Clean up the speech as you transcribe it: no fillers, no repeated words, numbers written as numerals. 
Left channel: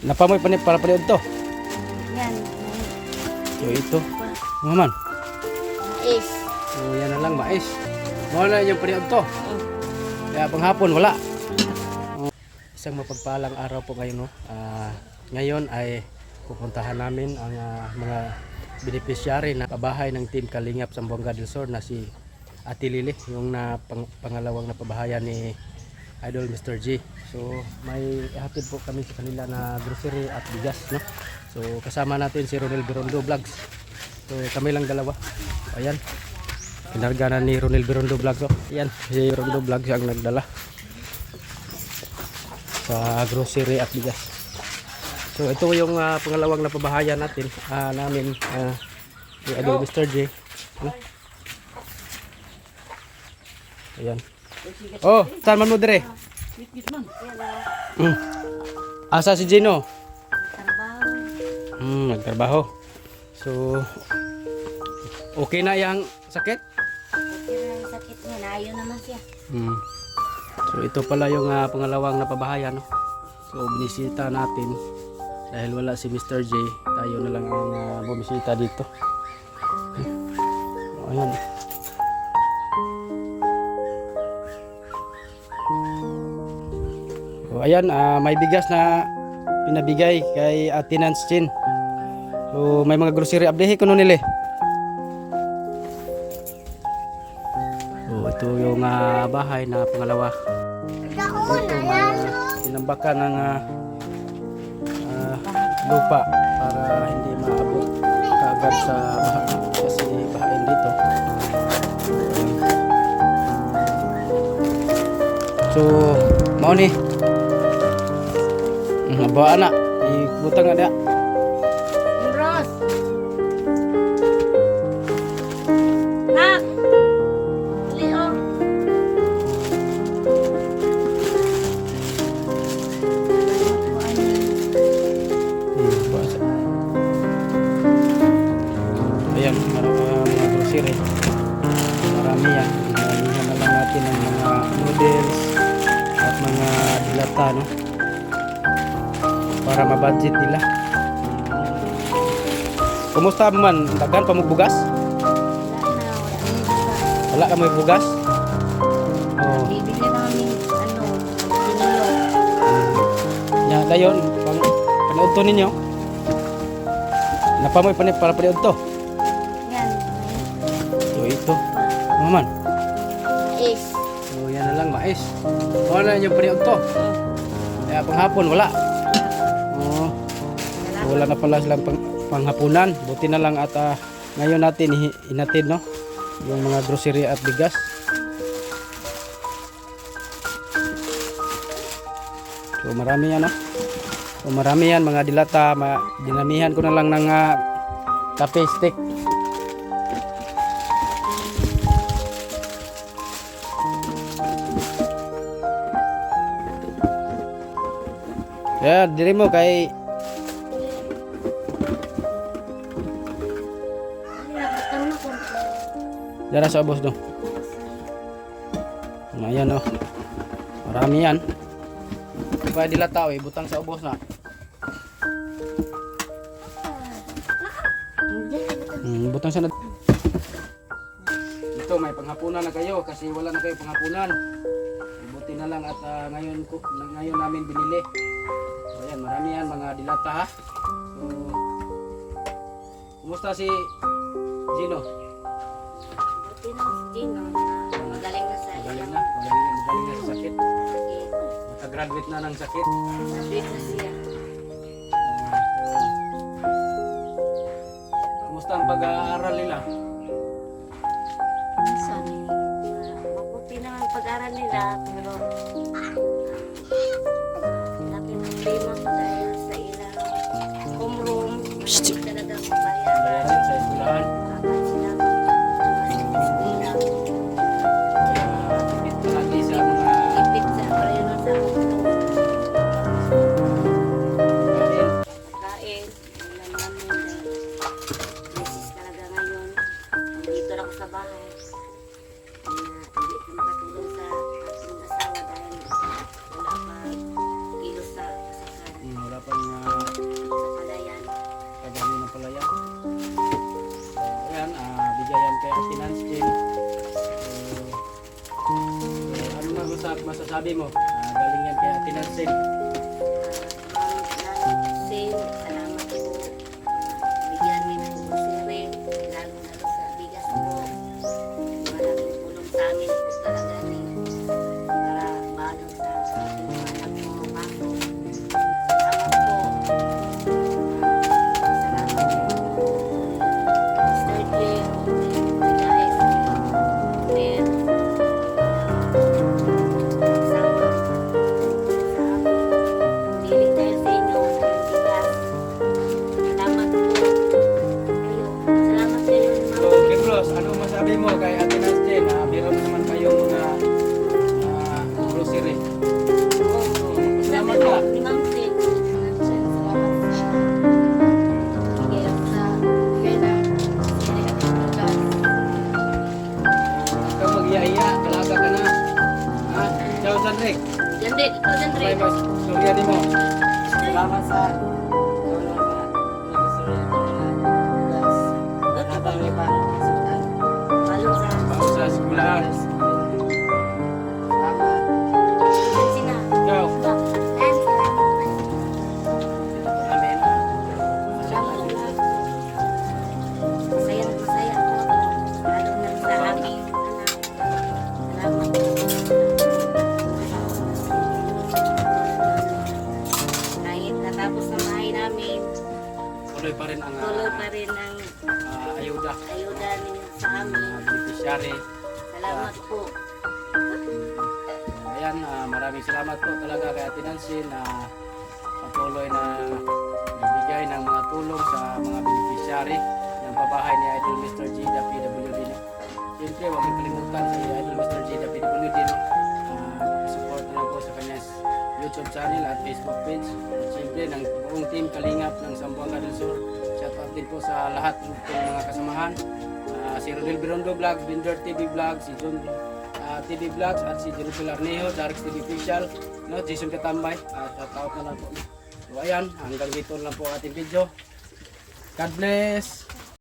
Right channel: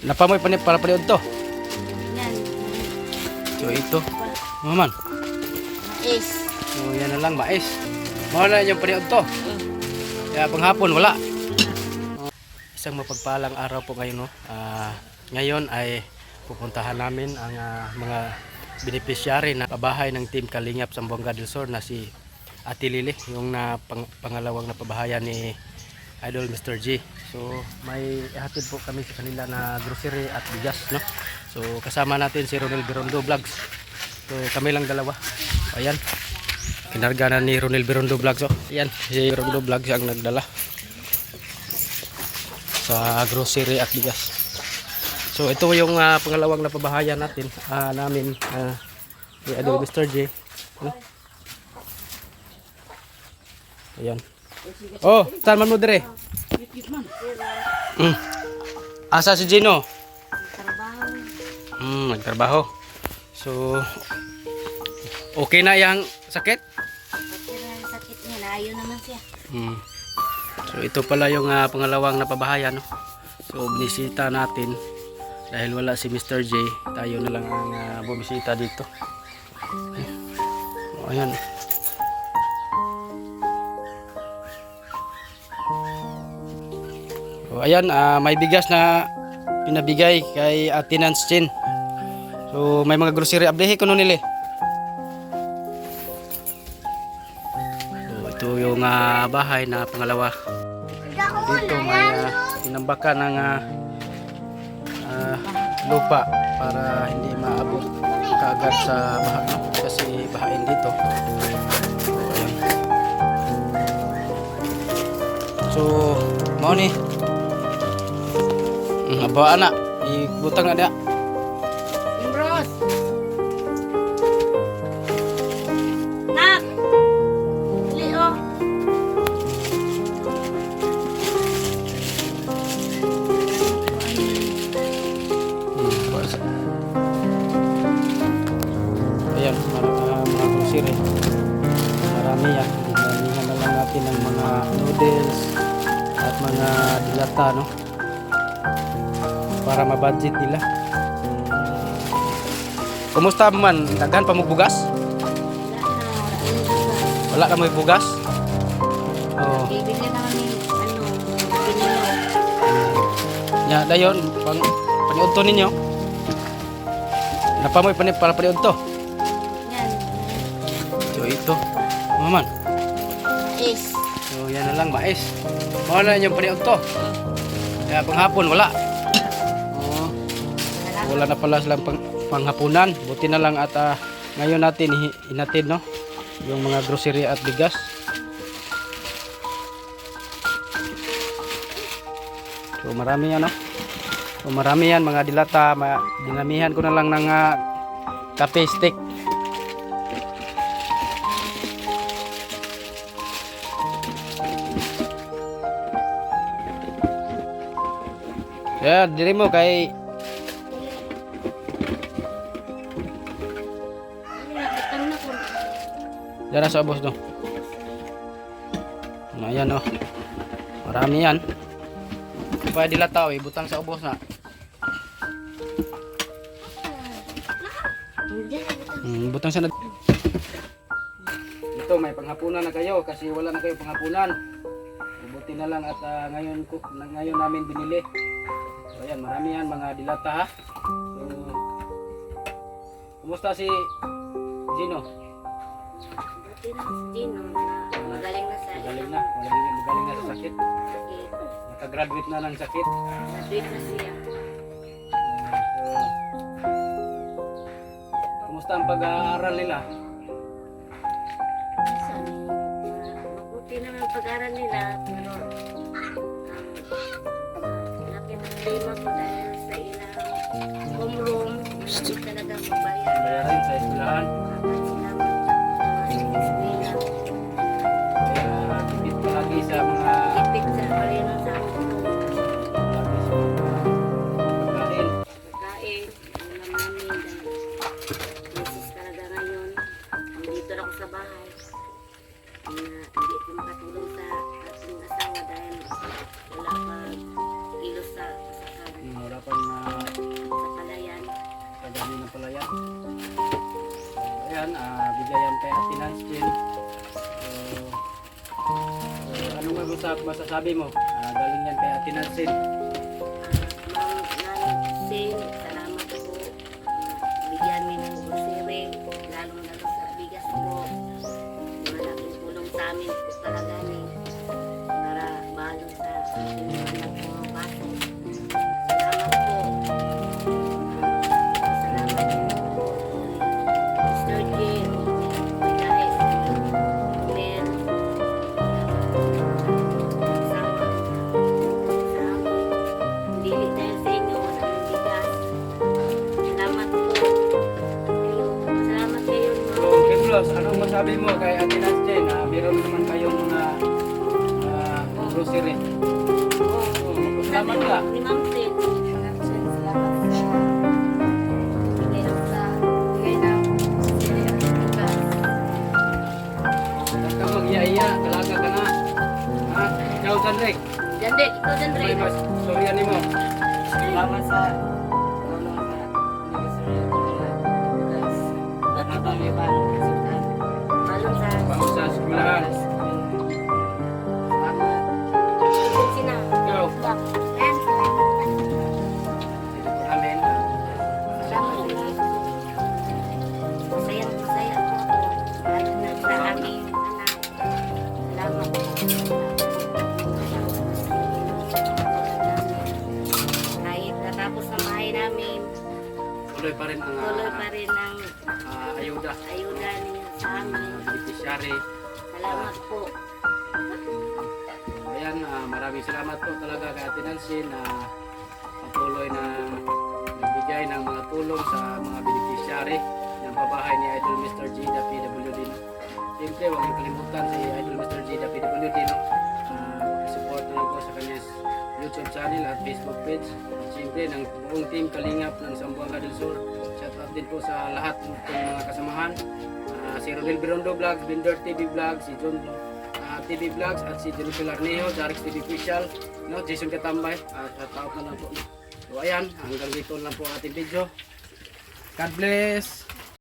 Napamoy para paniod to. Yan. So ito. Maman. Is. So yan na lang, mais. Mawala yung paniod to. Kaya panghapon wala. Isang mapagpalang araw po ngayon, no. Ngayon ay pupuntahan namin ang mga beneficiary na pabahay ng Team Kalingap Zamboanga del Sur na si Ate Lily, yung pangalawang napabahayan ni Idol Mr. G. So may ihatid po kami sa kanila na grocery at bigas, no. So kasama natin si Ronel Birondo Vlogs. So kami lang dalawa. Ayan. Kinarga na ni Ronel Birondo Vlogs. Oh. Ayan, si Birondo Vlogs ang nagdala sa grocery at bigas. So ito yung pangalawang napabahayan natin namin ni Idol Mr. J. Ano? Ayan. Oh, saan man mo dire? Asa si Gino? Trabaho. Nagtrabaho. So okay na yang sakit? Okay na yung sakit niya. Naayon naman siya. So ito pala yung pangalawang napabahayan, no? So binisita natin dahil wala si Mr. J, tayo na lang ang bumisita dito. Ayan. So ayan, may bigas na pinabigay kay Ate Nancy. So may mga grocery abdehi kuno nila. So ito yung bahay na pangalawa. Dito may tinambakan ng lupa para hindi maabot kaagad sa baha, no? Kasi bahain dito. So ayan. So mao ni bawa anak ibutang na dia. Imros. Nak. Leo. Ayan, mga grocery. Marami yan. Dinamihan na lang natin ng mga noodles at mga dilata, no? Para mabudget nila. Kumusta man? Daghan pa mo bugas? Wala na mo bugas? Oh. Bibili naman ni pinilo. Ya, dayon paniud to ninyo. Napamoy para paniud to. Yan. So ito. Maman. Is. So yan na lang, mais. Wala yung paniud to. Kaya panghapon wala. Wala na pala silang panghapunan. Buti na lang at ngayon natin inatid, no, yung mga grocery at bigas. So marami yan, no? So marami yan, mga dilata. Dinamihan ko na lang ng cafe stick. Yeah, dili mo kay dara sa ubos, no. Ayan, no. Marami yan. Pa dilataw, butang sa ubos na. Butang sa ito, may panghapunan na kayo kasi wala na kayo panghapunan. Buti na lang at ngayon namin binili. So ayan, marami yan mga dilata, ha. So kumusta si Gino? Buti na si Gino na magaling na sa Magaling na sa sakit. sakit. Nakagraduate na ng sakit. Graduate na siya. Kumusta ang pag-aaral nila? Sabi, mabuti naman pag-aral nila, pero laki ng lima ko dahil sa ilang homeroom, malaki talaga magbayad. Bayarin sa eskwelahan. Kahit sila mag-eskwela, Tipid palagi sa mga ipit sa bayan sa homeroom, kain. kain, wala namin. Misis talaga ngayon, nandito na ako sa bahay. Hindi ko makatulong sa ating asawa dahil wala pa kilos sa pasakan. Wala pang masasabi mo? Galing yan kay Ate Nancy. Ma'am Nancy, salamat po. Bigyan niyo po grocery, lalong-lalo sa bigas po. Malaking tulong sa amin po talaga ni para balo sa ating mga anak po pasok. Salamat po. Salamat po. Mr. J. Dahil Mel, sama sa amin. Hindi dahil sa inyo ng bigas. Salamat po. Kayo. Salamat kayo ni Ma'am. So, King Ross, anong masabi mo kay Ate Nancy na meron naman kayong mga grocery? Salamat ka. Ni Ma'am Tin. Salamat sa bigay ng siri at bigas. Huwag kang mag-iya-iya, dalaga ka na. Ha? Ikaw, Janrik, Jande, ito Jande. may mas storya ni mo. Salamat sa tulong sa grocery at mga bigas. Habang may pangasutan. Balon sa Bago sa eskwelahan. Salamat. sina. Ikaw, Salamat. dito po namin. Salamat. Masayang masaya po ako. Lalo na sa aming anak. Salamat po. Kahit natapos na bahay namin, Tuloy pa rin ang tuloy pa rin ang ayuda. ayuda ninyo sa amin. Beneficiary. Salamat po. Ayan, maraming salamat po talaga kay Ate Nancy na patuloy na nagbigay ng mga tulong sa mga beneficiary ng pabahay ni Idol Mr. G, the PWD. No? Siyempre, huwag niyo kalimutan si Idol Mr. G, the PWD. No? Support na lang po sa kanyang YouTube channel at Facebook page. At siyempre, ng buong team Kalingap ng Zamboanga del Sur. Shout out din po sa lahat ng mga kasamahan. Si Ronel Birondo Vlogs, Binder TV Vlogs, si John TV Vlogs at si Jerusalem Arneo, Jarix TV Official, no, Jason Katambay, shout out na lang po. So ayan, hanggang dito lang po ating video. God bless!